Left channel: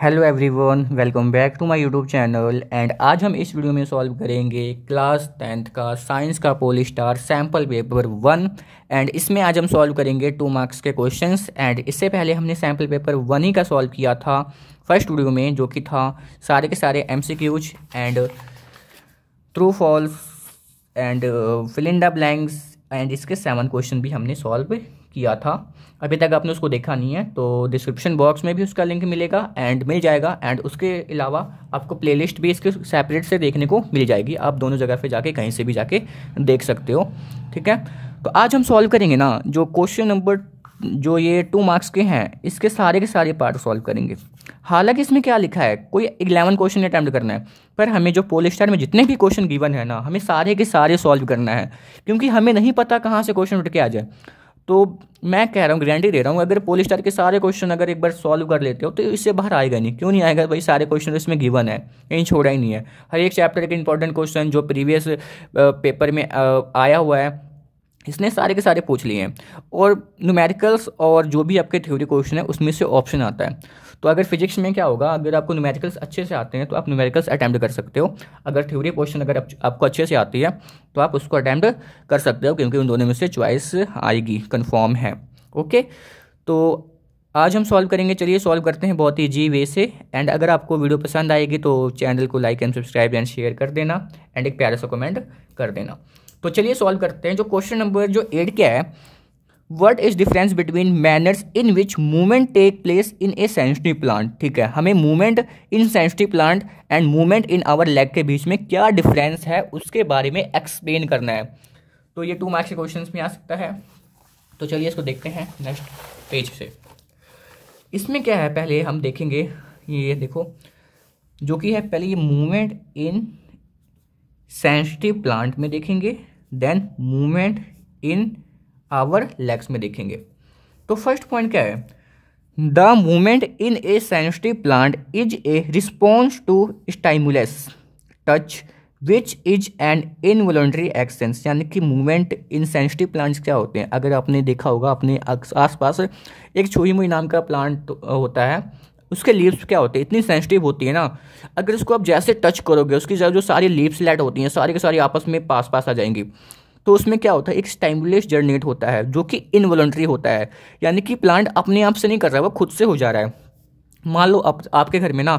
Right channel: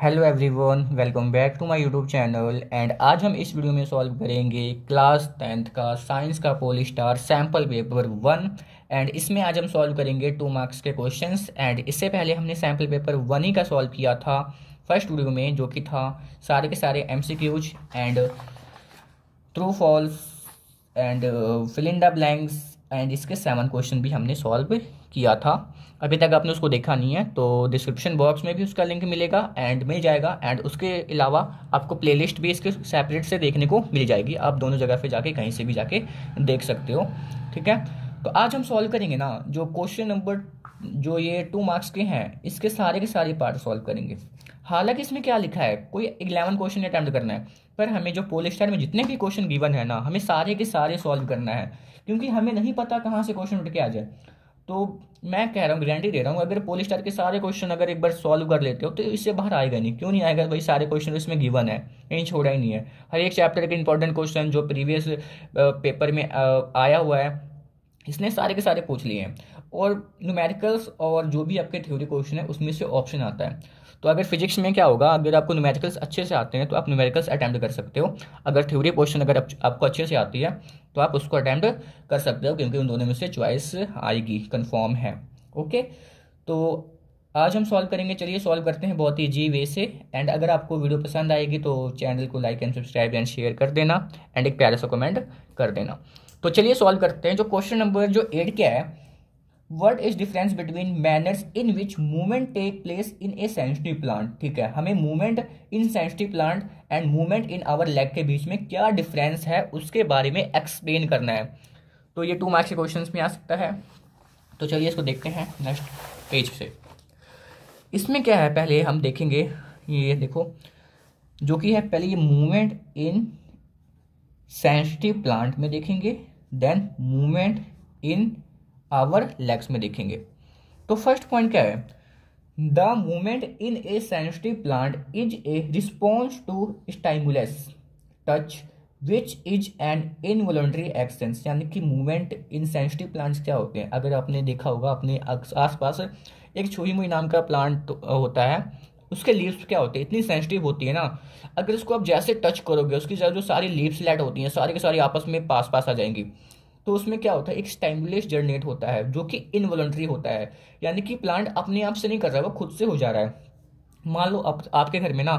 Hello everyone, welcome back to my YouTube channel. And आज हम इस वीडियो में सॉल्व करेंगे क्लास 10th का साइंस का पोलिस्टार सैम्पल पेपर 1। एंड इसमें आज हम सॉल्व करेंगे 2 मार्क्स के क्वेश्चंस। एंड इससे पहले हमने सैम्पल पेपर 1 ही का सॉल्व किया था फर्स्ट वीडियो में, जो कि था सारे के सारे MCQs and true false and fill in the blanks. And इसके 7 क्वेश्चन भी हमने सॉल्व किया था। अभी तक आपने उसको देखा नहीं है तो डिस्क्रिप्शन बॉक्स में भी उसका लिंक मिलेगा एंड मिल जाएगा। एंड उसके अलावा आपको प्लेलिस्ट भी इसके सेपरेट से देखने को मिल जाएगी, आप दोनों जगह पे जाके कहीं से भी जाके देख सकते हो। ठीक है, तो आज हम सॉल्व करेंगे ना जो क्वेश्चन नंबर जो ये 2 मार्क्स के हैं, इसके सारे के सारे पार्ट सॉल्व करेंगे। हालांकि इसमें क्या लिखा है, कोई 11 क्वेश्चन अटैम्प्ट करना है, पर हमें जो पोलिस्टार में जितने भी क्वेश्चन गिवन है ना, हमें सारे के सारे सॉल्व करना है, क्योंकि हमें नहीं पता कहाँ से क्वेश्चन उठ के आ जाए। तो मैं कह रहा हूँ, गारंटी दे रहा हूँ, अगर पोलिस्टार के सारे क्वेश्चन अगर एक बार सॉल्व कर लेते हो तो इससे बाहर आएगा नहीं। क्यों नहीं आएगा भाई, सारे क्वेश्चन इसमें गिवन है, कहीं छोड़ा ही नहीं है। हर एक चैप्टर के इंपॉर्टेंट क्वेश्चन जो प्रीवियस पेपर में आया हुआ है, इसने सारे के सारे पूछ लिए हैं। और न्यूमेरिकल्स और जो भी आपके थ्योरी क्वेश्चन है उसमें से ऑप्शन आता है। तो अगर फिजिक्स में क्या होगा, अगर आपको न्यूमेरिकल्स अच्छे से आते हैं तो आप न्यूमेरिकल्स अटैम्प्ट कर सकते हो। अगर थ्योरी क्वेश्चन अगर आपको अच्छे से आती है तो आप उसको अटैम्प्ट कर सकते हो, क्योंकि उन दोनों में से चॉइस आएगी, कन्फर्म है। ओके, तो आज हम सॉल्व करेंगे। चलिए सॉल्व करते हैं बहुत ही ईजी वे से। एंड अगर आपको वीडियो पसंद आएगी तो चैनल को like and subscribe and share कर देना एंड एक प्यारा सा कमेंट कर देना। तो चलिए सॉल्व करते हैं। जो क्वेश्चन नंबर जो 8 क्या है, what is difference between manners in which movement take place in a sensitive plant. ठीक है, हमें movement in sensitive plant and movement in our leg के बीच में क्या डिफरेंस है उसके बारे में एक्सप्लेन करना है। तो ये 2 मार्क्स के क्वेश्चन में आ सकता है। तो चलिए इसको देखते हैं नेक्स्ट पेज से। इसमें क्या है, पहले हम देखेंगे, ये देखो जो कि है, पहले ये मूवमेंट इन सेंसिटिव प्लांट में देखेंगे, then movement in our legs में देखेंगे। तो फर्स्ट पॉइंट क्या है, the movement in a sensitive plant is a response to stimulus touch which is an involuntary action. यानी कि मूवमेंट इन सेंसिटिव प्लांट्स क्या होते हैं, अगर आपने देखा होगा अपने आसपास एक छुई मुई नाम का प्लांट होता है, उसके लीव्स क्या होते हैं, इतनी सेंसिटिव होती है ना, अगर उसको आप जैसे टच करोगे उसकी जो सारी लीव्स लेट होती हैं सारी की सारी आपस में पास पास आ जाएंगी। तो उसमें क्या होता है, एक स्टिमुलस जनरेट होता है जो कि इनवॉलंटरी होता है, यानी कि प्लांट अपने आप से नहीं कर रहा है, वो खुद से हो जा रहा है। मान लो आपके घर में ना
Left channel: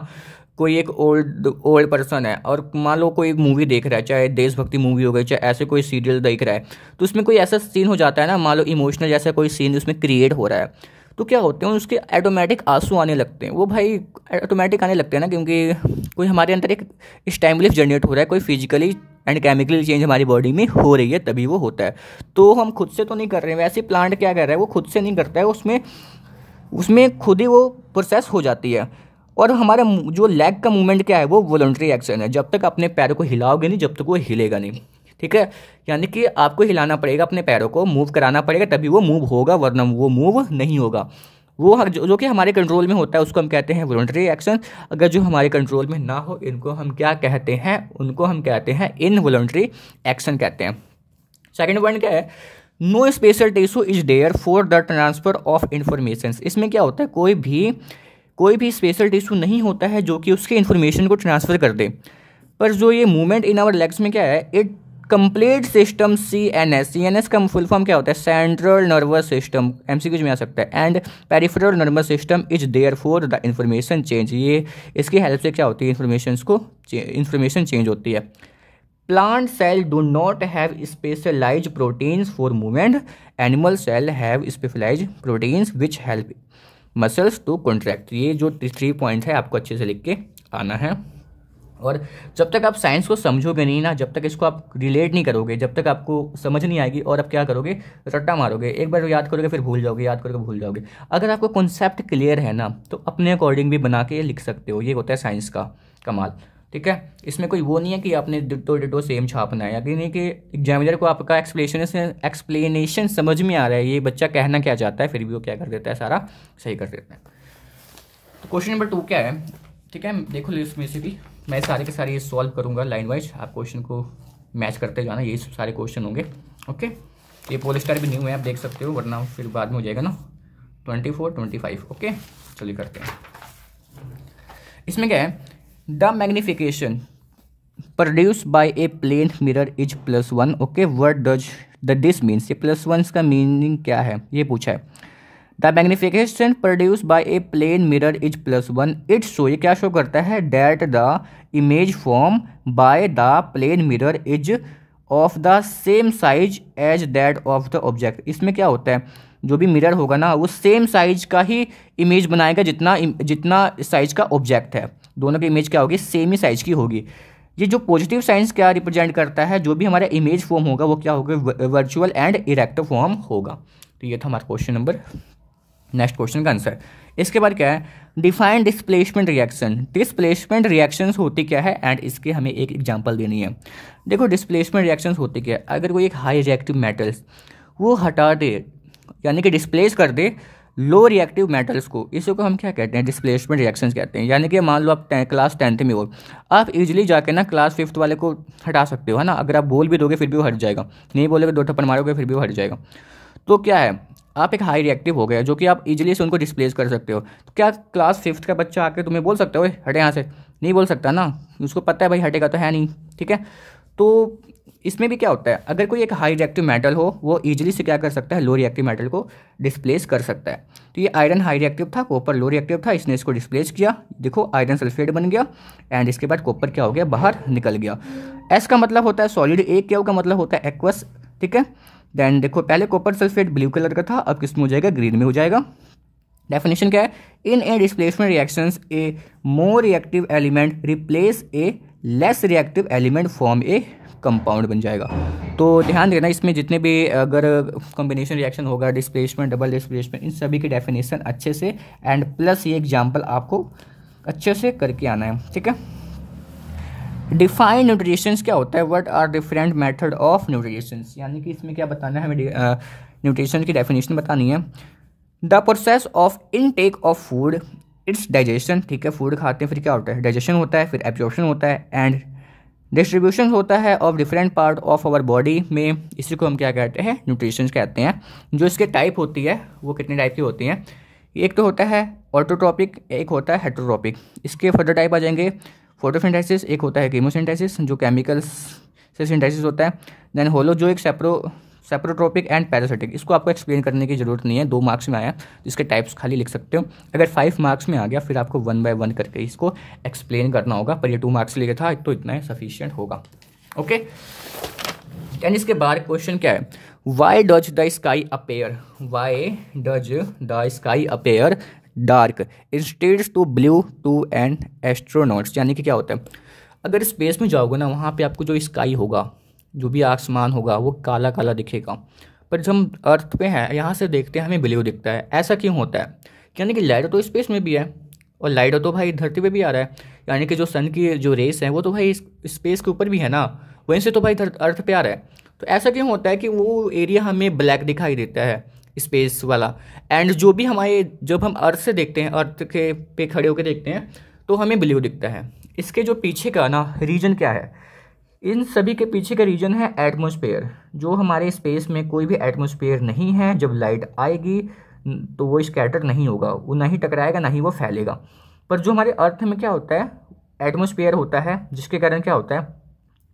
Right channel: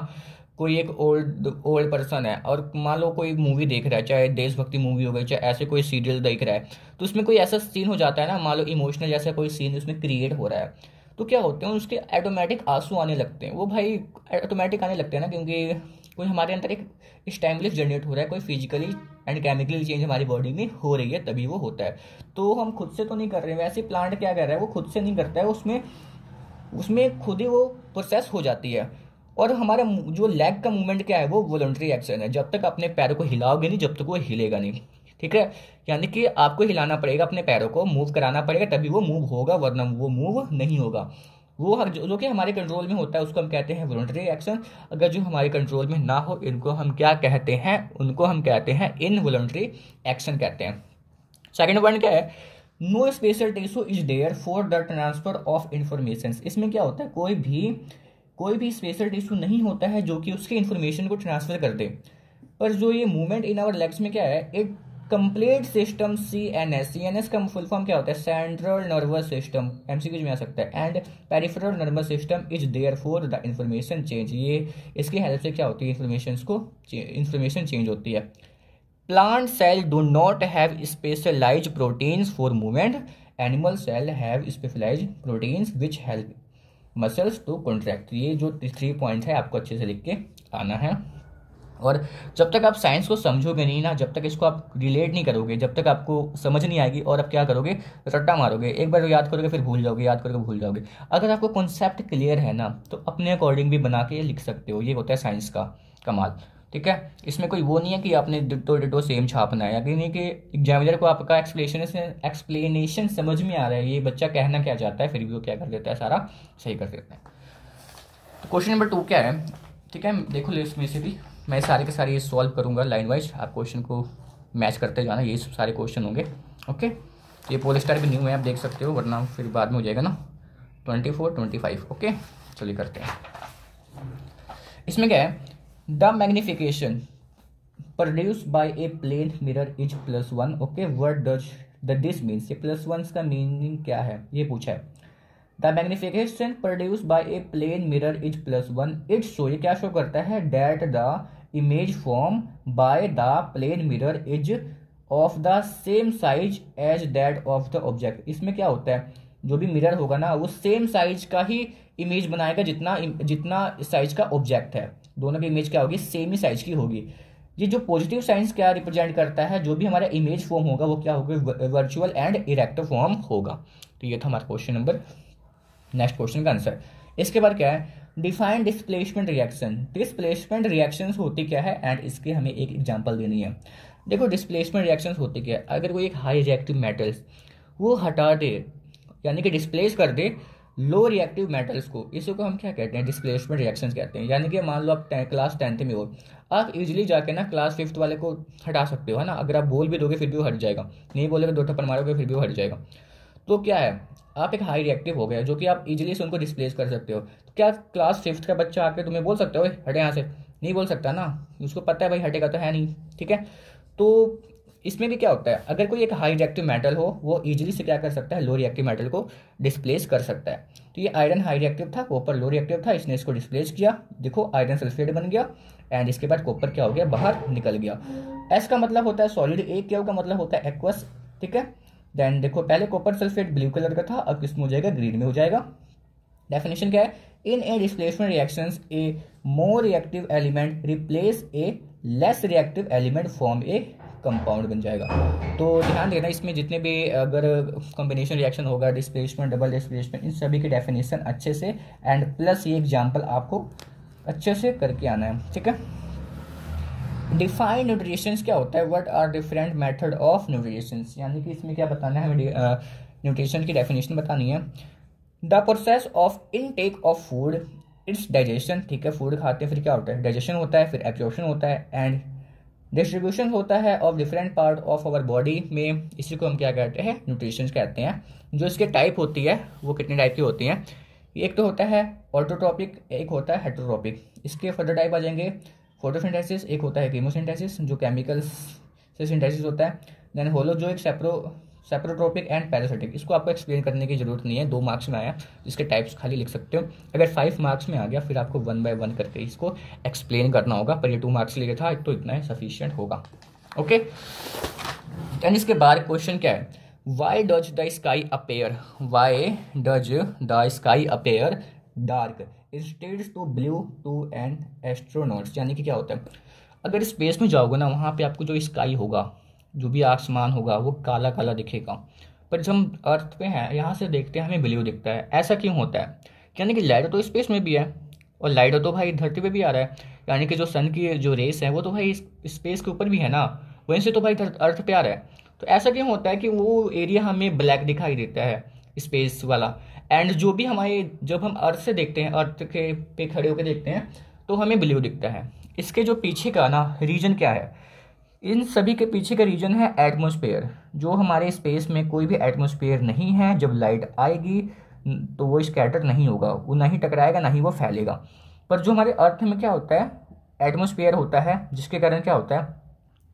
कोई एक ओल्ड पर्सन है और मान लो कोई मूवी देख रहा है, चाहे देशभक्ति मूवी हो गई, चाहे ऐसे कोई सीरियल देख रहा है, तो उसमें कोई ऐसा सीन हो जाता है ना, मान लो इमोशनल जैसा कोई सीन उसमें क्रिएट हो रहा है, तो क्या होते हैं उसके ऑटोमेटिक आंसू आने लगते हैं। वो भाई ऑटोमेटिक आने लगते हैं ना, क्योंकि कोई हमारे अंदर एक स्टिमुलस जनरेट हो रहा है, कोई फिजिकली एंड केमिकली चेंज हमारी बॉडी में हो रही है, तभी वो होता है। तो हम खुद से तो नहीं कर रहे हैं। वैसे प्लांट क्या कर रहा है, वो खुद से नहीं करता है, उसमें उसमें खुद ही वो प्रोसेस हो जाती है। और हमारा जो लेग का मूवमेंट क्या है, वो वॉलंटरी एक्शन है। जब तक अपने पैरों को हिलाओगे नहीं, जब तक वो हिलेगा नहीं। ठीक है, यानी कि आपको हिलाना पड़ेगा, अपने पैरों को मूव कराना पड़ेगा, तभी वो मूव होगा, वरना वो मूव नहीं होगा। वो जो कि हमारे कंट्रोल में होता है उसको हम कहते हैं वॉलंटरी एक्शन। अगर जो हमारे कंट्रोल में ना हो, इनको हम क्या कहते हैं, उनको हम कहते हैं इनवॉलंटरी एक्शन कहते हैं। सेकेंड पॉइंट क्या है, no special tissue is there for the transfer of information. इसमें क्या होता है, कोई भी स्पेशल टिश्यू नहीं होता है जो कि उसके इन्फॉर्मेशन को ट्रांसफर कर दे। पर जो ये मूवमेंट इन आवर लेग्स में क्या है, इट कंप्लीट सिस्टम CNS का फुल फॉर्म क्या होता है, सेंट्रल नर्वस सिस्टम, MCQ में आ सकता है, and peripheral nervous system is there for the information change. ये इसकी हेल्प से क्या होती है, इंफॉर्मेशन चेंज होती है। Plant cell do not have specialised proteins for movement, animal cell have specialised proteins which help muscles to contract. ये जो 3 पॉइंट है आपको अच्छे से लिख के आना है। और जब तक आप साइंस को समझोगे नहीं ना, जब तक इसको आप रिलेट नहीं करोगे, जब तक आपको समझ नहीं आएगी, और आप क्या करोगे, रट्टा मारोगे, एक बार याद करोगे फिर भूल जाओगे, याद करोगे भूल जाओगे। अगर आपको कॉन्सेप्ट क्लियर है ना, तो अपने अकॉर्डिंग भी बना के लिख सकते हो। ये होता है साइंस का कमाल। ठीक है, इसमें कोई वो नहीं है कि आपने डिटो सेम छापना है, यानी कि एग्जामिनर को आपका एक्सप्लेनेशन समझ में आ रहा है, ये बच्चा कहना क्या चाहता है, फिर भी वो क्या कर देता है, सारा सही कर देता है। तो क्वेश्चन नंबर 2 क्या है, ठीक है, देखो लिस्ट में से भी मैं सारे के सारे ये सॉल्व करूंगा लाइन वाइज, आप क्वेश्चन को मैच करते जाना, यही सब सारे क्वेश्चन होंगे। ओके, ये पोलिस्टार भी न्यू है, आप देख सकते हो, वरना फिर बाद में हो जाएगा ना 24, 25। ओके, चलिए करते हैं। इसमें क्या है, the magnification produce by a plane mirror is +1। Okay, what does the this means, ये +1 का मीनिंग क्या है ये पूछा है। The magnification produce by a plane mirror is +1 it show, ये क्या शो करता है, that the image form by the plane mirror is of the same size as that of the object. इसमें क्या होता है, जो भी मिरर होगा ना वो सेम साइज का ही इमेज बनाएगा जितना जितना साइज का ऑब्जेक्ट है। दोनों की इमेज क्या होगी, सेम ही साइज की होगी। ये जो पॉजिटिव साइंस क्या रिप्रेजेंट करता है, जो भी हमारा इमेज फॉर्म होगा वो क्या होगा, वर्चुअल एंड इरेक्टिव फॉर्म होगा। तो ये था हमारा क्वेश्चन नंबर, नेक्स्ट क्वेश्चन का आंसर। इसके बाद क्या है, define displacement reaction. Displacement reactions होती क्या है एंड इसके हमें एक एग्जांपल देनी है। देखो डिस्प्लेसमेंट रिएक्शंस होती क्या है, अगर कोई एक हाई रिएक्टिव मेटल्स वो हटा दे यानी कि डिस्प्लेस कर दे लो रिएक्टिव मेटल्स को, इसी को हम क्या कहते हैं, डिस्प्लेसमेंट रिएक्शंस कहते हैं। यानी कि मान लो आप क्लास 10th में हो, आप इजीली जाके ना क्लास 5th वाले को हटा सकते हो, है ना। अगर आप बोल भी दोगे फिर भी वो हट जाएगा, नहीं बोलोगे 2 थप्पड़ मारोगे फिर भी वो हट जाएगा। तो क्या है, आप एक हाई रिएक्टिव हो गए जो कि आप इजीली से उनको डिस्प्लेस कर सकते हो। तो क्या क्लास 5th का बच्चा आके तुम्हें बोल सकता है हटे यहाँ से, नहीं बोल सकता ना, उसको पता है भाई हटेगा तो है नहीं, ठीक है। तो इसमें भी क्या होता है, अगर कोई एक हाई रिएक्टिव मेटल हो वो इजीली से क्या कर सकता है, लो रिएक्टिव मेटल को डिस्प्लेस कर सकता है। तो ये आयरन हाई रिएक्टिव था, कॉपर लो रिएक्टिव था, इसने इसको डिस्प्लेस किया, देखो आयरन सल्फेट बन गया एंड इसके बाद कॉपर क्या हो गया, बाहर निकल गया। एस का मतलब होता है सॉलिड, ए क्या का मतलब होता है एक्वस, ठीक है। देन देखो पहले कॉपर सल्फेट ब्लू कलर का था, अब किसमें हो जाएगा, ग्रीन में हो जाएगा। डेफिनेशन क्या है, in a displacement reactions a more reactive element replace a less reactive element form a compound बन जाएगा। तो ध्यान देना इसमें जितने भी अगर कॉम्बिनेशन रिएक्शन होगा, डिस्प्लेसमेंट, डबल डिस्प्लेसमेंट, इन सभी की डेफिनेशन अच्छे से एंड प्लस ये एग्जांपल आपको अच्छे से करके आना है, ठीक है। डिफाइन न्यूट्रिशंस क्या होता है, what are different method of nutritions, यानी कि इसमें क्या बताना है हमें, न्यूट्रिशन की डेफिनेशन बतानी है। The process of intake of food, it's digestion, ठीक है, फूड खाते हैं फिर क्या होता है, डाइजेशन होता है, फिर एब्जॉर्प्शन होता है एंड डिस्ट्रीब्यूशन होता है of different part of our body में, इसी को हम क्या कहते हैं, न्यूट्रिशन कहते हैं। जो इसके टाइप होती है वो कितने टाइप की होती हैं, एक तो होता है ऑटोट्रोपिक, एक होता है हेटरोट्रोपिक। इसके फर्दर टाइप आ जाएंगे फोटोसिंथेसिस, एक होता है कीमोसिंथेसिस जो केमिकल्स से सिंथेसिस होता है, देन होलो जो एक सेप्रोट्रोपिक एंड पैरासिटिक। इसको आपको एक्सप्लेन करने की जरूरत नहीं है, 2 मार्क्स में आया इसके टाइप्स खाली लिख सकते हो। अगर 5 मार्क्स में आ गया फिर आपको 1 by 1 करके इसको एक्सप्लेन करना होगा, पर ये 2 मार्क्स लिए था तो इतना ही सफिशियंट होगा, ओके। एंड इसके बाद क्वेश्चन क्या है, why does the sky appear, why does the sky appear dark instead to blue to an astronauts. यानी कि क्या होता है, अगर स्पेस में जाओगे ना वहाँ पे आपको जो स्काई होगा, जो भी आसमान होगा वो काला काला दिखेगा, पर जब हम अर्थ पे हैं यहाँ से देखते हैं हमें ब्लू दिखता है। ऐसा क्यों होता है, यानी कि लाइट तो स्पेस में भी है और लाइट तो भाई धरती पे भी आ रहा है, यानी कि जो सन की जो रेस है वो तो भाई स्पेस के ऊपर भी है ना, वहीं से तो भाई अर्थ पे आ रहा है। तो ऐसा क्यों होता है कि वो एरिया हमें ब्लैक दिखाई देता है स्पेस वाला, एंड जो भी हमारे जब हम अर्थ से देखते हैं, अर्थ के पे खड़े होकर देखते हैं तो हमें ब्लू दिखता है। इसके जो पीछे का ना रीजन क्या है, इन सभी के पीछे का रीजन है एटमॉस्फेयर। जो हमारे स्पेस में कोई भी एटमॉस्फेयर नहीं है, जब लाइट आएगी तो वो स्कैटर नहीं होगा, वो ना ही टकराएगा ना ही वो फैलेगा। पर जो हमारे अर्थ में क्या होता है, एटमॉस्फेयर होता है, जिसके कारण क्या होता है,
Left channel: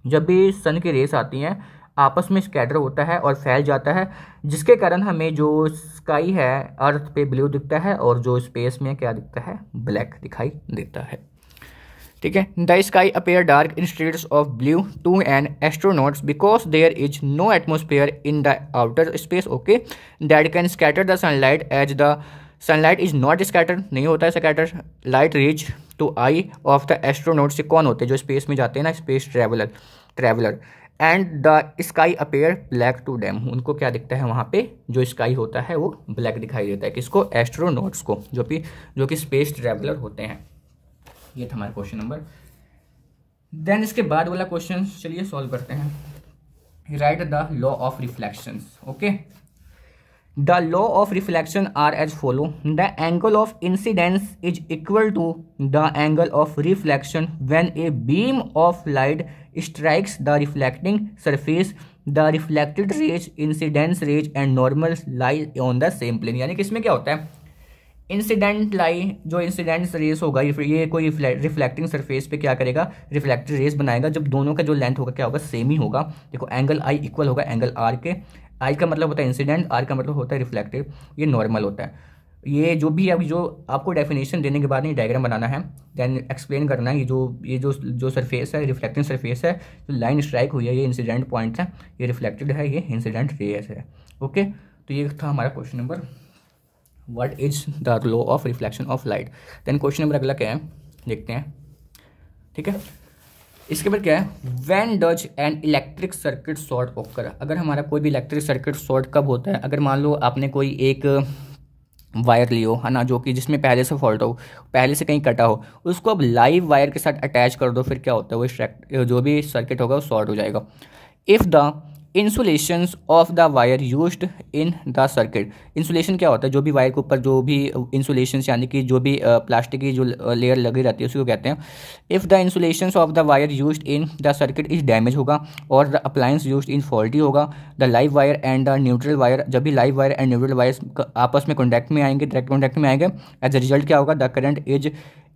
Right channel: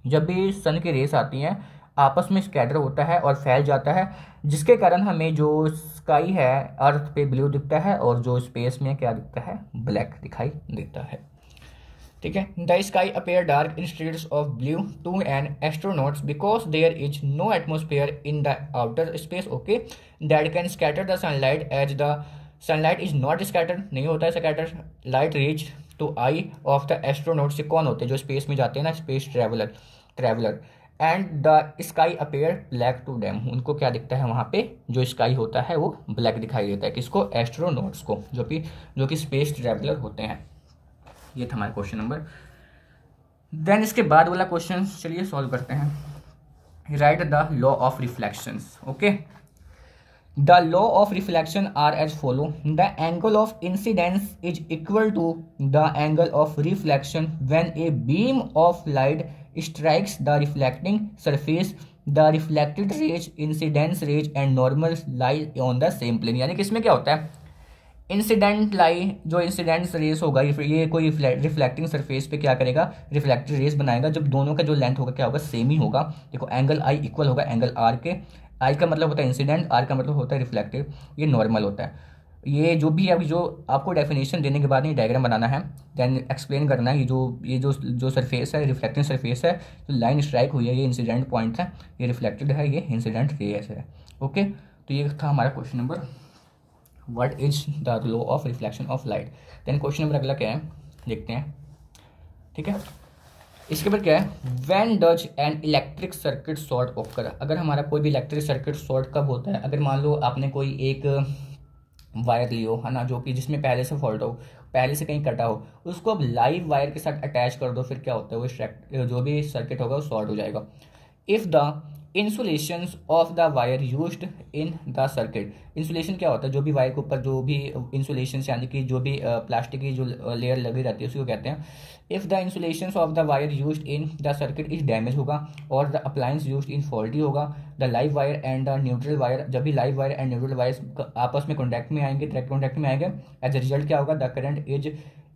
जब भी सन की रेस आती हैं आपस में स्कैटर होता है और फैल जाता है, जिसके कारण हमें जो स्काई है अर्थ पे ब्लू दिखता है और जो स्पेस में क्या दिखता है, ब्लैक दिखाई देता है, ठीक है। The sky appear dark instead of blue to an astronauts because there is no atmosphere in the outer space, okay, that can scatter the sunlight as the sunlight is not scatter, नहीं होता है scatter. Light reach to eye of the astronaut, से कौन होते हैं, जो space में जाते हैं ना, space traveller and the sky appear black to them, उनको क्या दिखता है वहाँ पे, जो स्काई होता है वो ब्लैक दिखाई देता है, किसको, एस्ट्रोनॉट्स को, जो कि स्पेस ट्रेवलर होते हैं। ये था हमारा क्वेश्चन नंबर। देन इसके बाद वाला क्वेश्चन चलिए सॉल्व करते हैं। Write the law of reflections, okay. The law of reflection are as follow, the angle of incidence is equal to the angle of reflection when a beam of light strikes the reflecting surface, the reflected rays, incidence rays and normal lie on the same plane. यानी कि इसमें क्या होता है, incident लाई, जो incident race होगा ये कोई रिफ्लेक्टिंग सरफेस पे क्या करेगा, रिफ्लेक्टेड रेस बनाएगा जब दोनों का जो लेंथ होगा क्या होगा, सेम ही होगा। देखो एंगल आई इक्वल होगा एंगल आर के। आई का मतलब होता है इंसिडेंट, आर का मतलब होता है रिफ्लेक्टिव, ये नॉर्मल होता है। ये जो भी अभी जो आपको डेफिनेशन देने के बाद ये डायग्राम बनाना है, देन एक्सप्लेन करना है। ये जो सरफेस है रिफ्लेक्टिंग सरफेस है, जो लाइन स्ट्राइक हुई है ये इंसिडेंट पॉइंट है, ये रिफ्लेक्टेड है, ये इंसिडेंट रेस है। ओके, तो ये था हमारा question number what is the law of reflection of light. Then question number अगला क्या है देखते हैं, ठीक है। इसके बाद क्या है, when does an electric circuit short occur. अगर हमारा कोई भी इलेक्ट्रिक सर्किट शॉर्ट कब होता है, अगर मान लो आपने कोई एक वायर लियो है ना, जो कि जिसमें पहले से फॉल्ट हो, पहले से कहीं कटा हो, उसको अब लाइव वायर के साथ अटैच कर दो, फिर क्या होता है वो जो भी सर्किट होगा वो शॉर्ट हो जाएगा। If the insulations of the wire used in the circuit. Insulation क्या होता है, जो भी वायर के ऊपर जो भी इंसुलेशन यानी कि जो भी प्लास्टिक की जो लेयर लगी रहती है उसी को कहते हैं। If the insulations of the wire used in the circuit is damage होगा, और the appliance used in faulty होगा। The live wire and the neutral wire, जब भी live wire and neutral wire आपस में कॉन्टैक्ट में आएंगे, डायरेक्ट कॉन्टैक्ट में आएंगे, एज अ रिजल्ट क्या होगा, the current is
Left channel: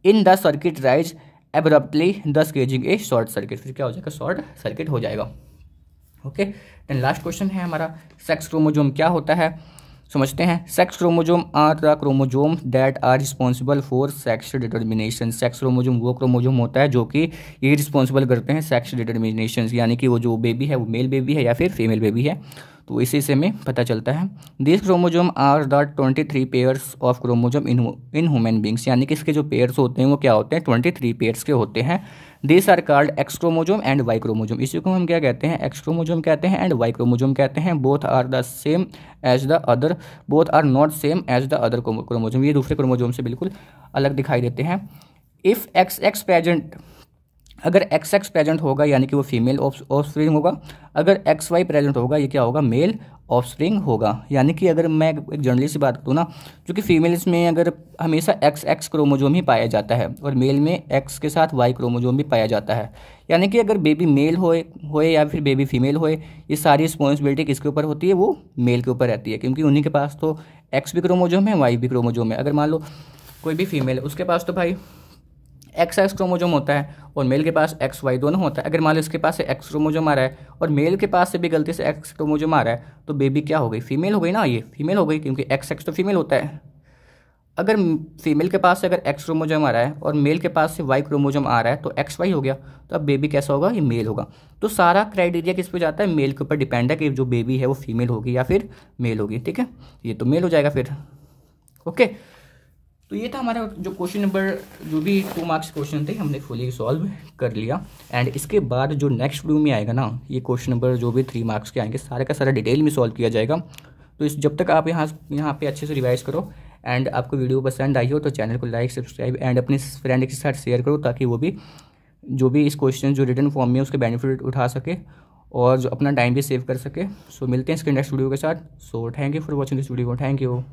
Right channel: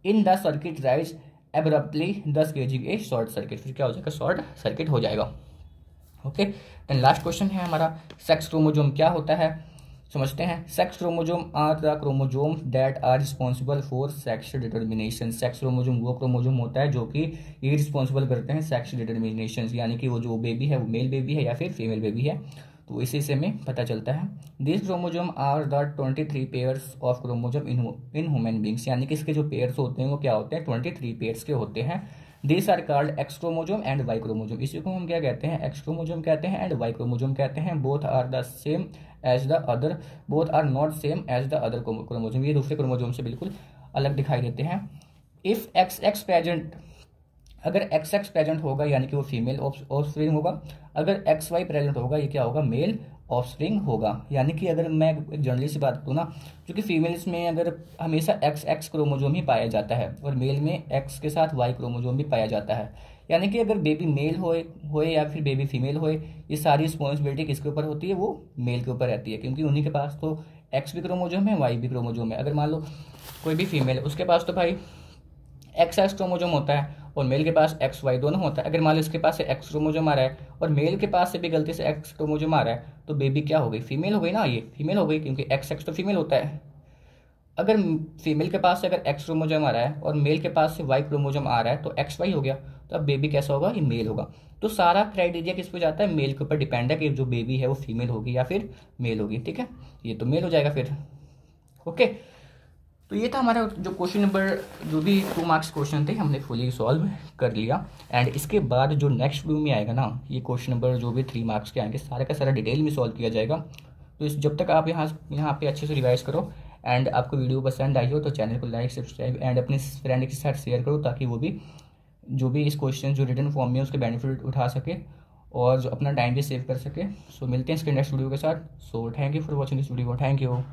in the circuit rise abruptly दस केजिंग ए शॉर्ट सर्किट। फिर क्या हो जाएगा, शॉर्ट सर्किट हो जाएगा। ओके, देन लास्ट क्वेश्चन है हमारा, सेक्स क्रोमोजोम क्या होता है समझते हैं। Sex chromosome are the chromosome that are responsible for sex determination. Sex chromosome वो क्रोमोजोम होता है जो कि ये रिस्पॉन्सिबल करते हैं सेक्स डिटर्मिनेशन, यानी कि वो जो बेबी है वो मेल बेबी है या फिर फीमेल बेबी है, तो इसी से हमें पता चलता है। This chromosome are the 23 pairs of chromosome in human beings, यानी कि इसके जो पेयर्स होते हैं वो क्या होते हैं, 23 पेयर्स के होते हैं। This are called X chromosome and Y chromosome. इसी को हम क्या कहते हैं, एक्स क्रोमोजोम कहते हैं एंड वाई क्रोमोजोम कहते हैं। Both are the same as the other, both are not same as the other chromosome. ये दूसरे क्रोमोजोम से बिल्कुल अलग दिखाई देते हैं। इफ़ एक्स एक्स प्रेजेंट, अगर एक्स एक्स प्रेजेंट होगा यानी कि वो फीमेल ऑफस्प्रिंग होगा, अगर एक्स वाई प्रेजेंट होगा ये क्या होगा, मेल ऑफस्प्रिंग होगा। यानी कि अगर मैं एक जनरली सी बात करूँ ना, क्योंकि फीमेल्स में अगर हमेशा एक्स एक्स क्रोमोजोम ही पाया जाता है और मेल में एक्स के साथ वाई क्रोमोजोम भी पाया जाता है। यानी कि अगर बेबी मेल होए या फिर बेबी फीमेल होए, ये सारी रिस्पॉन्सिबिलिटी किसके ऊपर होती है, वो मेल के ऊपर रहती है, क्योंकि उन्हीं के पास तो एक्स भी क्रोमोजोम है वाई भी क्रोमोजोम है। अगर मान लो कोई भी फीमेल है उसके पास तो भाई एक्स एक्स क्रोमोजोम होता है और मेल के पास एक्स वाई दोनों होता है। अगर मान लो इसके पास से एक्स क्रोमोजोम आ रहा है और मेल के पास से भी गलती से एक्स क्रोमोजोम आ रहा है, तो बेबी क्या हो गई, फीमेल हो गई ना, ये फीमेल हो गई, क्योंकि एक्स एक्स तो फीमेल होता है। अगर फीमेल के पास से अगर एक्स क्रोमोजोम आ रहा है और मेल के पास से वाई क्रोमोजोम आ रहा है तो एक्स वाई हो गया, तो अब बेबी कैसा होगा, ये मेल होगा। तो सारा क्राइटेरिया किस पे जाता है, मेल के ऊपर डिपेंड है कि जो बेबी है वो फीमेल होगी या फिर मेल होगी। ठीक है, ये तो मेल हो जाएगा फिर। ओके, तो ये था हमारा जो क्वेश्चन नंबर, जो भी 2 मार्क्स क्वेश्चन थे हमने फुली सॉल्व कर लिया। एंड इसके बाद जो नेक्स्ट वीडियो में आएगा ना, ये क्वेश्चन नंबर जो भी 3 मार्क्स के आएंगे सारे का सारा डिटेल में सॉल्व किया जाएगा। तो इस जब तक आप यहाँ पे अच्छे से रिवाइज करो एंड आपको वीडियो पसंद आई हो तो चैनल को लाइक सब्सक्राइब एंड अपने फ्रेंड के साथ शेयर करो, ताकि वो भी जो भी इस क्वेश्चन जो रिटन फॉर्म में उसके बेनिफिट उठा सके और जो अपना टाइम भी सेव कर सके। सो मिलते हैं इसके नेक्स्ट वीडियो के साथ। So thank you for watching this video, thank you.